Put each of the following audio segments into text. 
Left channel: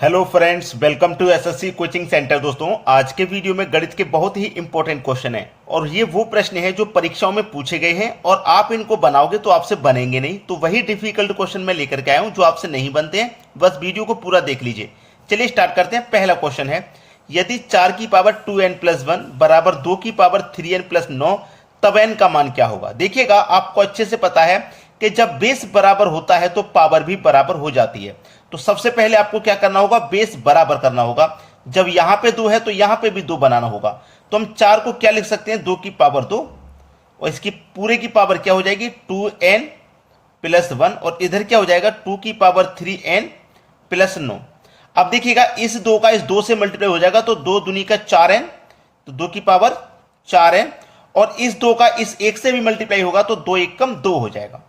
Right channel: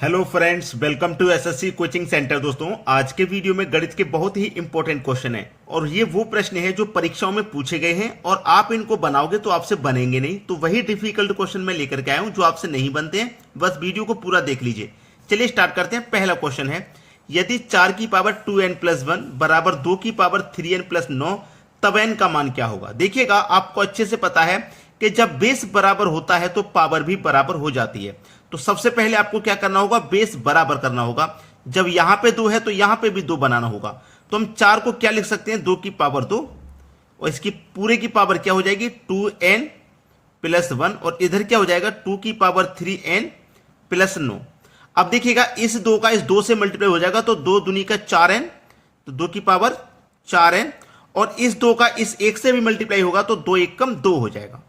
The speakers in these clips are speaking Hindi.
Hello friends, welcome to SSC coaching centre. दोस्तों, आज के वीडियो में गणित के बहुत ही इंपॉर्टेंट क्वेश्चन है और ये वो प्रश्न है जो परीक्षाओं में पूछे गए हैं और आप इनको बनाओगे तो आपसे बनेंगे नहीं। तो वही डिफिकल्ट क्वेश्चन मैं लेकर के आया हूं जो आपसे नहीं बनते हैं। बस वीडियो को पूरा देख लीजिए। चलिए स्टार्ट करते हैं। पहला क्वेश्चन है, यदि 4 की पावर 2n+1 बराबर 2 की पावर 3n+9 तब n का मान क्या होगा। देखिएगा, आपको अच्छे से पता है कि जब बेस बराबर होता है तो पावर भी बराबर हो जाती है। तो सबसे पहले आपको क्या करना होगा, बेस बराबर करना होगा। जब यहां पे 2 है तो यहां पे भी 2 बनाना होगा। तो हम 4 को क्या लिख सकते हैं, 2 की पावर 2 और इसकी पूरे की पावर क्या हो जाएगी 2n+1 और इधर क्या हो जाएगा 2 की पावर 3n+9। अब देखिएगा, इस 2 का इस 2 से मल्टीप्लाई हो जाएगा तो 2 दूनी का 4n, तो 2 की पावर 4n और इस 2 का इस 1 से भी मल्टीप्लाई होगा तो 2 1 कम 2 हो जाएगा।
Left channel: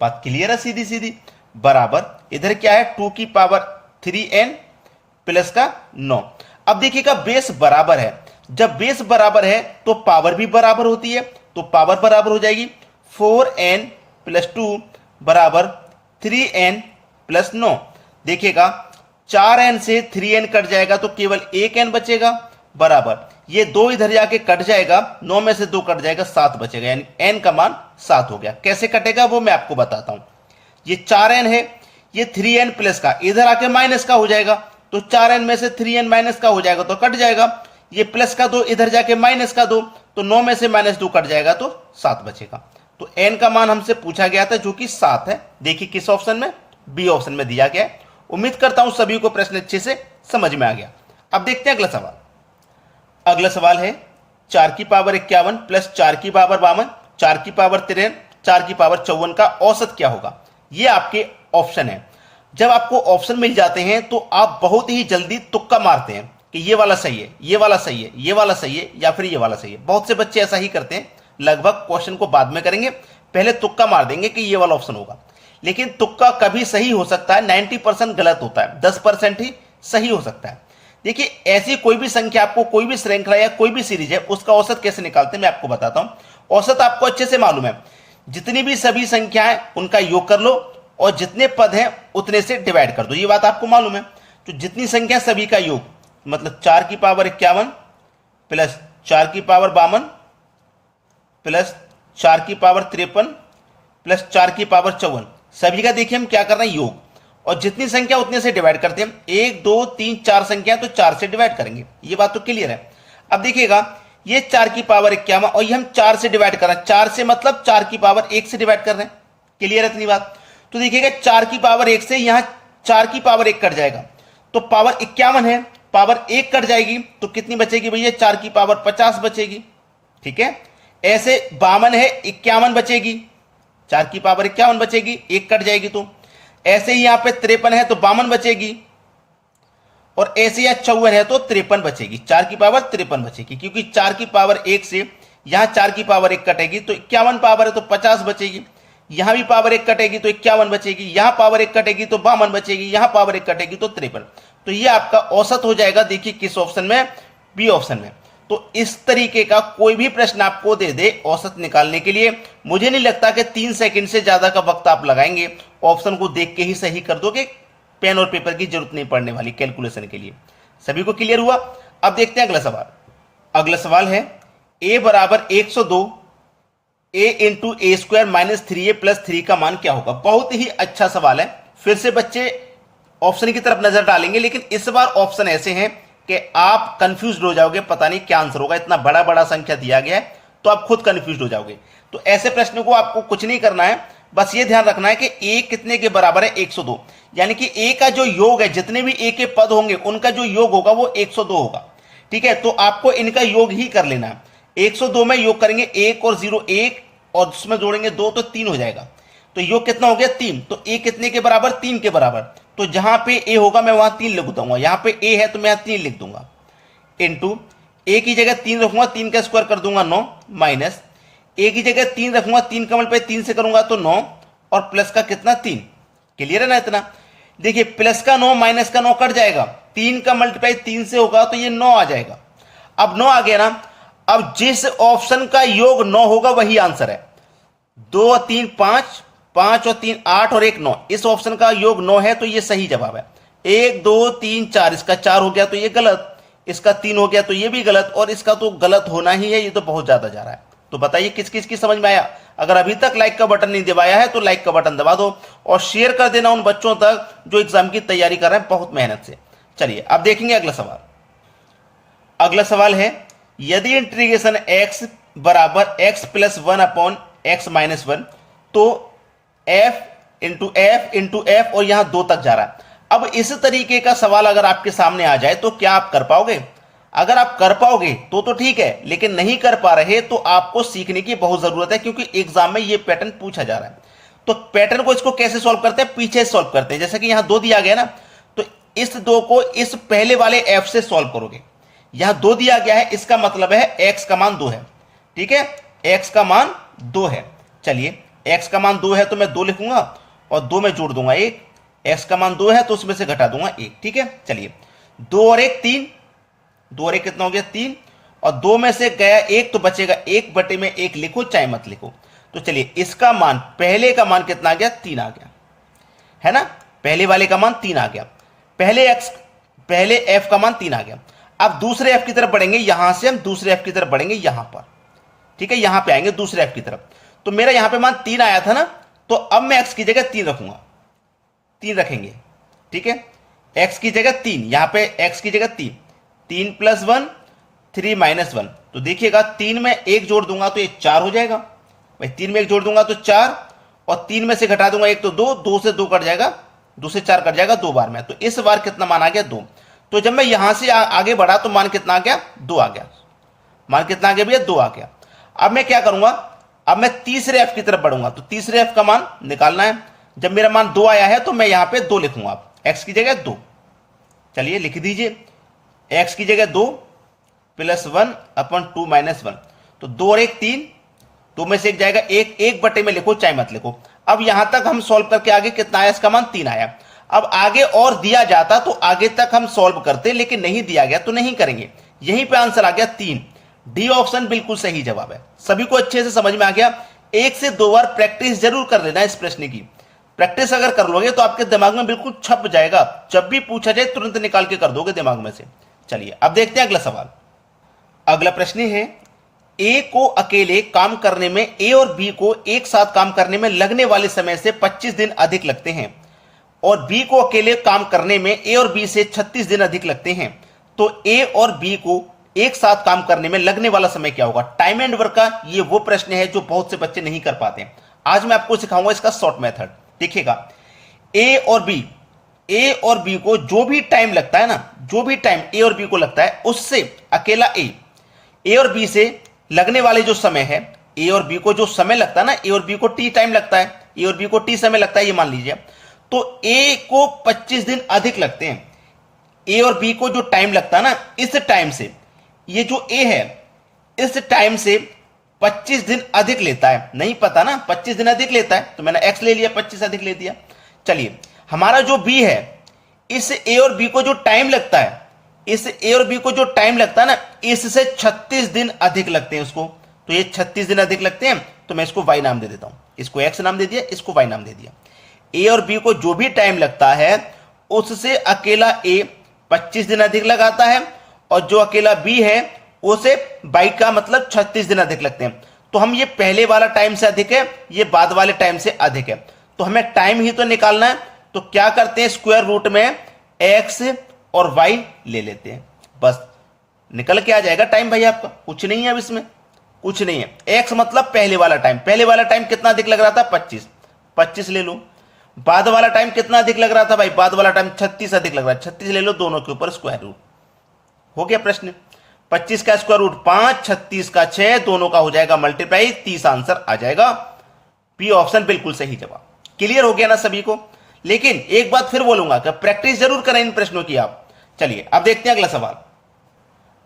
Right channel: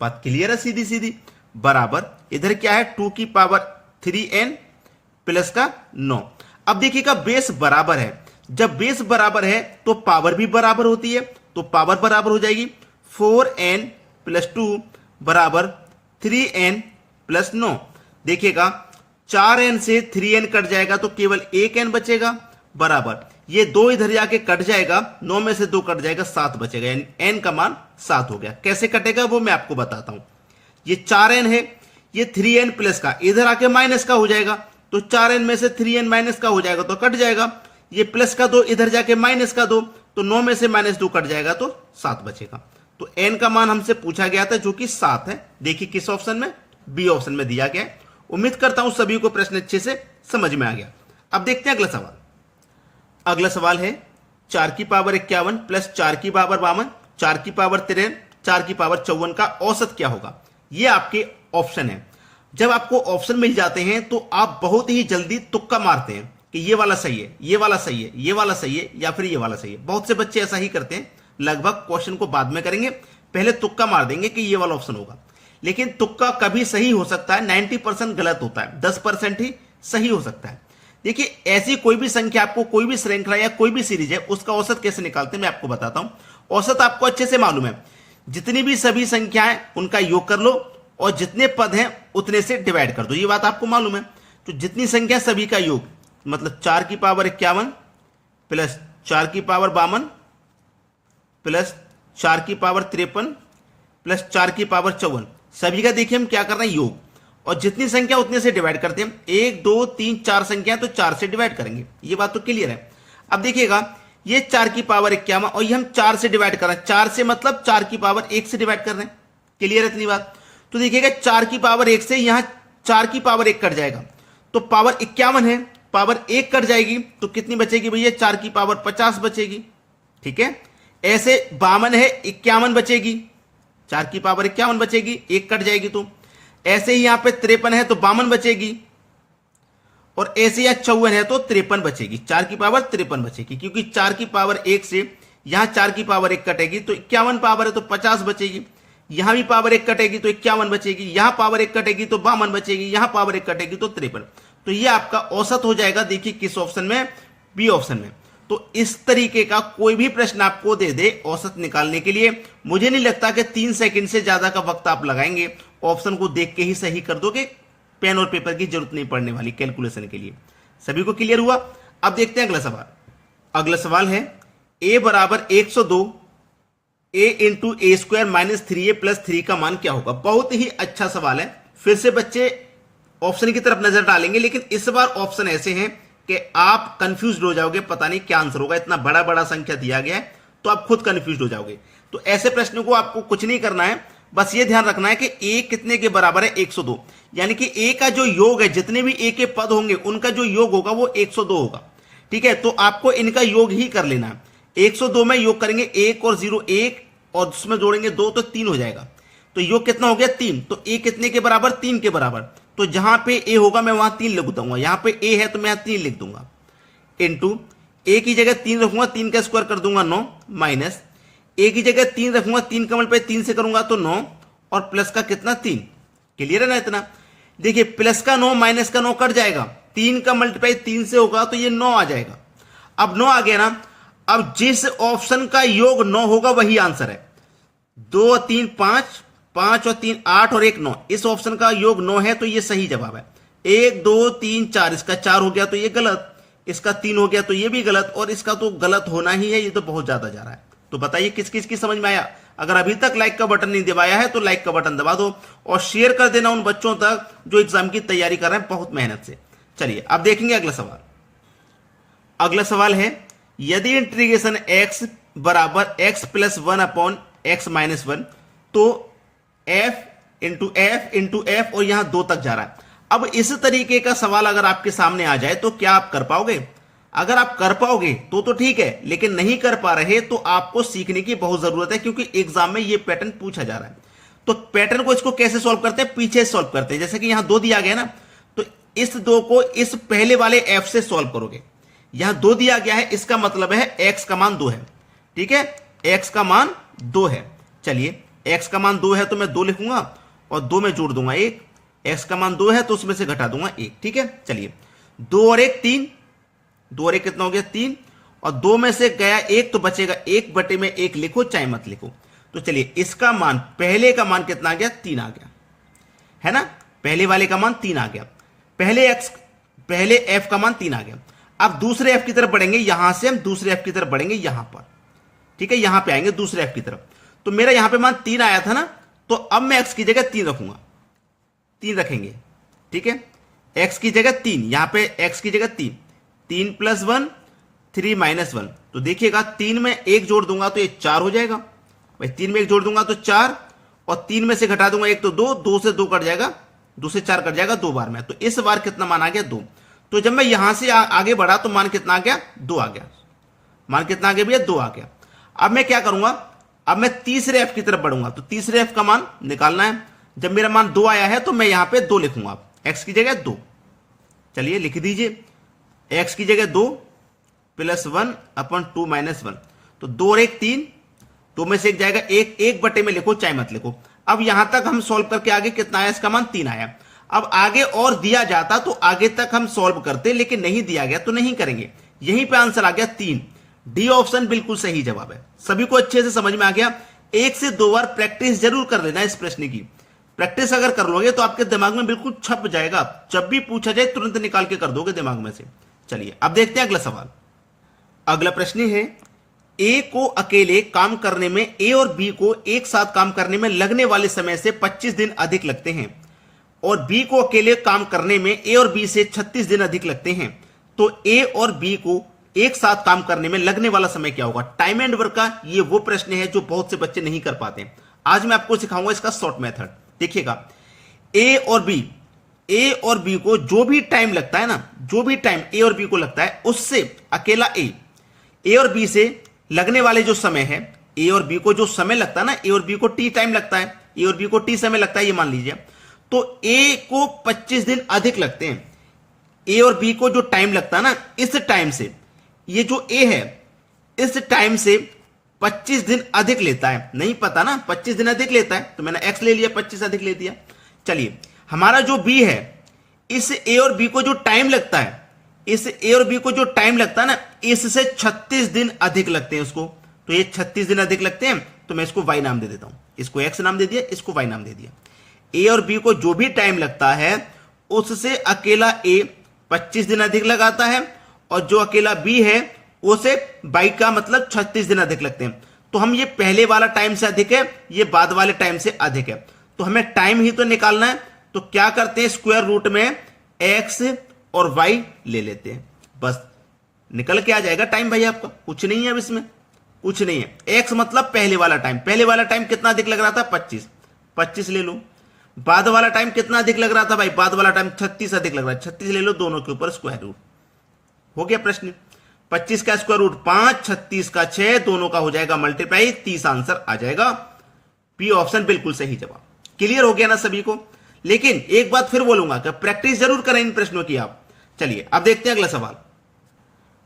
बात क्लियर है, सीधी सीधी। बराबर इधर क्या है 2 की पावर 3n+9। अब देखिएगा, बेस बराबर है। जब बेस बराबर है तो पावर भी बराबर होती है, तो पावर बराबर हो जाएगी 4n+2 बराबर 3n+9। देखिएगा, 4n से 3n कट जाएगा तो केवल 1n बचेगा, बराबर ये 2 इधर जाके कट जाएगा, 9 में से 2 कट जाएगा, 7 बचेगा, यानी n का मान 7 हो गया। कैसे कटेगा वो मैं आपको बताता हूं। ये 4n है, ये 3n प्लस का इधर आके माइनस का हो जाएगा, तो 4n में से 3n माइनस का हो जाएगा तो कट जाएगा। ये प्लस का 2 इधर जाके माइनस का 2, तो 9 में से -2 कट जाएगा तो 7 बचेगा। तो n का मान हमसे पूछा गया था जो कि 7 है। देखिए किस ऑप्शन में, बी ऑप्शन में दिया गया है। उम्मीद करता हूं सभी को प्रश्न अच्छे से समझ में आ गया। अब देखते हैं अगला सवाल। अगला सवाल है, 4 की पावर 51 प्लस 4 की पावर 52, 4 की पावर 53, 4 की पावर 54 का औसत क्या होगा। ये आपके ऑप्शन है। जब आपको ऑप्शन मिल जाते हैं तो आप बहुत ही जल्दी तुक्का मारते हैं कि ये वाला सही है, ये वाला सही है, ये वाला सही है या फिर ये वाला सही है। बहुत से बच्चे ऐसा ही करते हैं। लगभग क्वेश्चन को बाद में करेंगे, पहले तुक्का मार देंगे कि ये वाला ऑप्शन होगा। लेकिन तुक्का कभी सही हो सकता है, 90% गलत होता है, 10% ही सही हो सकता है। देखिए, ऐसी कोई भी संख्या, आपको कोई भी श्रृंखला या कोई भी सीरीज है, उसका औसत कैसे निकालते हैं मैं आपको बताता हूं। औसत आपको अच्छे से मालूम है, जितनी भी सभी संख्याएं उनका योग कर लो और जितने पद हैं उतने से डिवाइड कर दो। ये बात आपको मालूम है। तो जितनी संख्या सभी का योग, मतलब 4 की पावर 51 प्लस 4 की पावर 52 प्लस 4 की पावर 53 प्लस 4 की पावर 54, सभी का देखिए हम क्या कर रहे हैं, योग। और जितनी संख्या उतने से डिवाइड करते हैं। 1 2 3 4 संख्या तो 4 से डिवाइड करेंगे। ये बात तो क्लियर है। अब देखिएगा, ये 4 की पावर 51 और ये हम 4 से डिवाइड कर रहे हैं। 4 से मतलब 4 की पावर 1 से डिवाइड कर रहे हैं। क्लियर है इतनी बात। तो देखिएगा, 4 की पावर 1 से यहां 4 की पावर 1 कट जाएगा तो पावर 51 है, पावर 1 कट जाएगी तो कितनी बचेगी भैया, 4 की पावर 50 बचेगी। ठीक है। ऐसे 52 है, 51 बचेगी, 4 की पावर 51 बचेगी, 1 कट जाएगी तो। ऐसे ही यहां पे 53 है तो 52 बचेगी और ऐसे यहां 54 है तो 53 बचेगी, 4 की पावर 53 बचेगी। क्योंकि 4 की पावर 1 से यहां 4 की पावर 1 कटेगी तो 51 पावर है तो 50 बचेगी। यहां भी पावर 1 कटेगी तो 51 बचेगी, यहां पावर 1 कटेगी तो 52 बचेगी, यहां पावर 1 कटेगी तो 53। तो ये आपका औसत हो जाएगा। देखिए किस ऑप्शन में, बी ऑप्शन में। तो इस तरीके का कोई भी प्रश्न आपको दे दे औसत निकालने के लिए, मुझे नहीं लगता कि 3 सेकंड से ज्यादा का वक्त आप लगाएंगे। ऑप्शन को देख के ही सही कर दोगे, पेन और पेपर की जरूरत नहीं पड़ने वाली कैलकुलेशन के लिए। सभी को क्लियर हुआ। अब देखते हैं अगला सवाल। अगला सवाल है, a बराबर 102 a into A square minus 3a plus 3 का मान क्या होगा। बहुत ही अच्छा सवाल है। फिर से बच्चे ऑप्शन की तरफ नजर डालेंगे, लेकिन इस बार ऑप्शन ऐसे हैं कि आप कंफ्यूज हो जाओगे, पता नहीं क्या आंसर होगा। इतना बड़ा बड़ा संख्या दिया गया है तो आप खुद कंफ्यूज हो जाओगे। तो ऐसे प्रश्नों को आपको कुछ नहीं करना है, बस ये ध्यान रखना है कि a कितने के बराबर है, 102। यानी कि a का जो योग है, जितने भी a के पद होंगे उनका जो योग होगा वो 102 होगा। ठीक है। तो आपको इनका योग ही कर लेना है। 102 में योग करेंगे 1 और 0 1 और उसमें जोड़ेंगे 2 तो 3 हो जाएगा। तो योग कितना हो गया, 3। तो a कितने के बराबर, 3 के बराबर। तो जहां पे a होगा मैं वहां 3 लिख दूंगा। यहां पे a है तो मैं 3 लिख दूंगा। इंटू a की जगह 3 रखूंगा, 3 का स्क्वायर कर दूंगा 9, माइनस a की जगह 3 रखूंगा, 3 का मल्टीप्लाई 3 से करूंगा तो 9 और प्लस का कितना 3। क्लियर है ना इतना। देखिए, प्लस का 9 माइनस का 9 कट जाएगा, 3 का मल्टीप्लाई 3 से होगा तो ये 9 आ जाएगा। अब 9 आ गया ना। अब जिस ऑप्शन का योग 9 होगा वही आंसर है। 2 और 3 5, 5 और 3 8 और 1 9, इस ऑप्शन का योग 9 है तो ये सही जवाब है। 1 2 3 4, इसका 4 हो गया तो ये गलत, इसका 3 हो गया तो ये भी गलत, और इसका तो गलत होना ही है, ये तो बहुत ज्यादा जा रहा है। तो बताइए किस किस की समझ में आया? अगर अभी तक लाइक का बटन नहीं दबाया है तो लाइक का बटन दबा दो और शेयर कर देना उन बच्चों तक जो एग्जाम की तैयारी कर रहे हैं बहुत मेहनत से। चलिए अब देखेंगे अगला सवाल। अगला सवाल है, यदि इंटीग्रेशन x बराबर x plus 1 upon x minus 1, तो f इंटू एफ और यहां 2 तक जा रहा है। अब इस तरीके का सवाल अगर आपके सामने आ जाए तो क्या आप कर पाओगे? अगर आप कर पाओगे तो ठीक है, लेकिन नहीं कर पा रहे तो आपको सीखने की बहुत जरूरत है, क्योंकि एग्जाम में ये पैटर्न पूछा जा रहा है। तो पैटर्न को इसको कैसे सॉल्व करते हैं? पीछे सॉल्व करते हैं। जैसे कि यहां 2 दिया गया ना, तो इस 2 को इस पहले वाले f से सॉल्व करोगे। यहां 2 दिया गया है, इसका मतलब है x का मान 2 है। ठीक है, x का मान 2 है। चलिए x का मान 2 है तो मैं 2 लिखूंगा और 2 में जोड़ दूंगा 1। x का मान 2 है तो उसमें से घटा दूंगा 1। ठीक है, चलिए 2 और 1 3, 2 और 1 कितना हो गया 3, और 2 में से गया 1 तो बचेगा 1 बटे में 1 लिखो चाहे मत लिखो। तो चलिए इसका मान, पहले का मान कितना आ गया? 3 आ गया, है ना। पहले वाले का मान 3 आ गया, पहले f का मान 3 आ गया। अब दूसरे f की तरफ बढ़ेंगे, यहां से हम दूसरे f की तरफ बढ़ेंगे यहां पर। ठीक है, यहां पे आएंगे दूसरे f की तरफ। तो मेरा यहां पे मान 3 आया था ना, तो अब मैं x की जगह 3 रखूंगा, 3 रखेंगे। ठीक है, x की जगह 3, यहां पे x की जगह 3, 3 प्लस 1 3 माइनस 1। तो देखिएगा 3 में 1 जोड़ दूंगा तो ये 4 हो जाएगा भाई, 3 में 1 जोड़ दूंगा तो 4, और 3 में से घटा दूंगा 1 तो 2, 2 से 2 कट जाएगा, 2 से 4 कट जाएगा 2 बार में। तो इस बार कितना मान आ गया? 2। तो जब मैं यहां से आगे बढ़ा तो मान कितना आ गया? 2 आ गया। मान कितना आ गया भैया? 2 आ गया। अब मैं क्या करूंगा? अब मैं तीसरे एफ की तरफ बढ़ूंगा, तो तीसरे एफ का मान निकालना है। जब मेरा मान 2 आया है तो मैं यहां पे 2 लिखूंगा, एक्स की जगह 2। चलिए लिख दीजिए, एक्स की जगह 2 प्लस 1 अपन 2 माइनस 1। तो 2 और 1 3, 2 में से 1 जाएगा 1, 1 बटे में लिखो चाहे मत लिखो। अब यहां तक हम सॉल्व करके आगे कितना आया? इसका मान 3 आया। अब आगे और दिया जाता तो आगे तक हम सॉल्व करते, लेकिन नहीं दिया गया तो नहीं करेंगे। यहीं पे आंसर आ गया 3। डी ऑप्शन बिल्कुल सही जवाब है। सभी को अच्छे से समझ में आ गया। 1 से 2 बार प्रैक्टिस जरूर कर लेना इस प्रश्न की। प्रैक्टिस अगर कर लोगे तो आपके दिमाग में बिल्कुल छप जाएगा, जब भी पूछा जाए तुरंत निकाल के कर दोगे दिमाग में से। चलिए अब देखते हैं अगला सवाल। अगला प्रश्न है, ए को अकेले काम करने में, ए और बी को एक साथ काम करने में लगने वाले समय से 25 दिन अधिक लगते हैं, और बी को अकेले काम करने में ए और बी से 36 दिन अधिक लगते हैं। तो ए और बी को एक साथ काम करने में लगने वाला समय क्या होगा? टाइम एंड वर्क का ये वो प्रश्न है जो बहुत से बच्चे नहीं कर पाते। आज मैं आपको सिखाऊंगा इसका शॉर्ट मेथड। देखिएगा, ए और बी को जो भी टाइम लगता है ना, जो भी टाइम ए और बी को लगता है, उससे अकेला ए और बी से लगने वाले जो समय है, ए और बी को जो समय लगता है ना, ए और बी को टी टाइम लगता है, ए और बी को टी समय लगता है, ये मान लीजिए। तो ए को 25 दिन अधिक लगते हैं। ए और बी को जो टाइम लगता है ना, इस टाइम से, ये जो ए है इस टाइम से 25 दिन अधिक लेता है। नहीं पता ना, 25 दिन अधिक लेता है, तो मैंने एक्स ले लिया, 25 अधिक ले दिया। चलिए हमारा जो बी है, इस ए और बी को जो टाइम लगता है, इस ए और बी को जो टाइम लगता है ना, इससे 36 दिन अधिक लगते हैं उसको। तो ये 36 दिन अधिक लगते हैं, तो मैं इसको वाई नाम दे देता हूं। इसको एक्स नाम दे दिया, इसको वाई नाम दे दिया। ए और बी को जो भी टाइम लगता है उससे अकेला ए 25 दिन अधिक लगाता है, और जो अकेला बी है उसे बाई का मतलब 36 दिन अधिक लगते हैं। तो हम ये पहले वाला टाइम से अधिक है, ये बाद वाले टाइम से अधिक है, तो हमें टाइम ही तो निकालना है। तो क्या करते हैं, स्क्वायर रूट में एक्स और वाई ले लेते हैं, बस निकल के आ जाएगा टाइम भाई आपका। कुछ नहीं है अब इसमें, कुछ नहीं है। एक्स मतलब पहले वाला टाइम, पहले वाला टाइम कितना अधिक लग रहा था? 25, 25 ले लो। बाद वाला टाइम कितना अधिक लग रहा था भाई? बाद वाला टाइम 36 अधिक लग रहा है, 36 ले लो, दोनों के ऊपर स्क्वायर रूट। हो गया प्रश्न। 25 का स्क्वायर रूट 5, 36 का 6, दोनों का हो जाएगा मल्टीप्लाई, 30 आंसर आ जाएगा। बी ऑप्शन बिल्कुल सही जवाब। क्लियर हो गया ना सभी को? लेकिन एक बात फिर बोलूंगा कि प्रैक्टिस जरूर करें इन प्रश्नों की आप। चलिए अब देखते हैं अगला सवाल।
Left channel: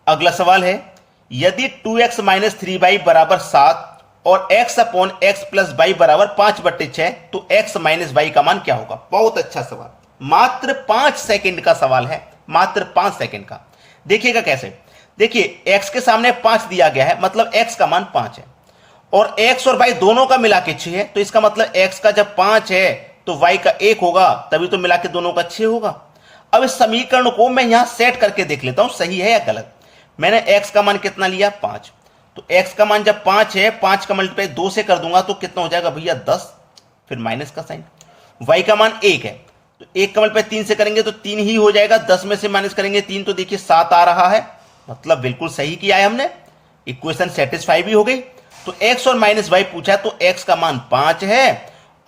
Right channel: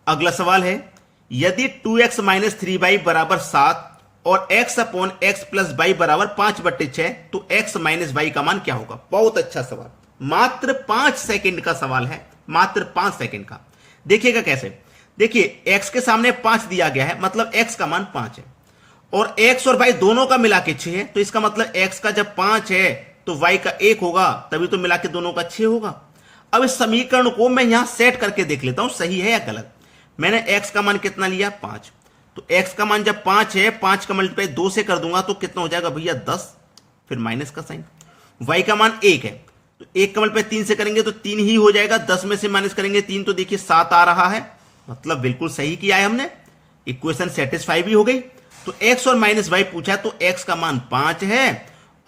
अगला सवाल है, यदि 2x माइनस 3y बराबर 7 और x upon x plus y बराबर 5/6, तो x माइनस y का मान क्या होगा? बहुत अच्छा सवाल, मात्र 5 सेकंड का सवाल है, मात्र 5 सेकंड का। देखिएगा कैसे। देखिए x के सामने 5 दिया गया है, मतलब x का मान 5 है, और x और y दोनों का मिला के 6 है। तो इसका मतलब x का जब 5 है तो y का 1 होगा, तभी तो मिला के दोनों का 6 होगा। अब इस समीकरण को मैं यहां सेट करके देख लेता हूं सही है या गलत। मैंने x का मान कितना लिया 5, तो x का मान जब 5 है, 5 का मल्टीप्लाई 2 से कर दूंगा तो कितना हो जाएगा भैया 10, फिर माइनस का साइन। y का मान 1 है, तो 1 का मल्टीप्लाई 3 से करेंगे तो 3 ही हो जाएगा, 10 में से माइनस करेंगे 3 तो देखिए 7 आ रहा है, मतलब बिल्कुल सही किया है हमने, इक्वेशन सेटिस्फाई भी हो गई। तो x और माइनस y पूछा तो x का मान 5 है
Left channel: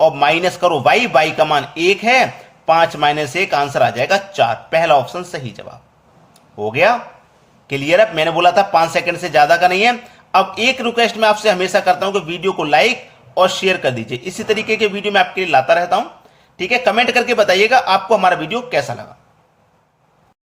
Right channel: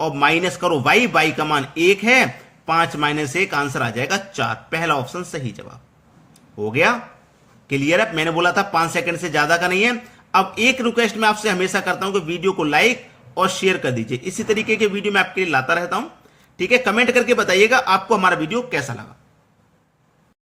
और माइनस करो y का मान 1 है, 5 माइनस 1 आंसर आ जाएगा 4। पहला ऑप्शन सही जवाब हो गया। क्लियर है, मैंने बोला था 5 सेकंड से ज्यादा का नहीं है। अब एक रिक्वेस्ट मैं आपसे हमेशा करता हूं कि वीडियो को लाइक और शेयर कर दीजिए, इसी तरीके के वीडियो मैं आपके लिए लाता रहता हूं। ठीक है, कमेंट करके बताइएगा आपको हमारा वीडियो कैसा लगा।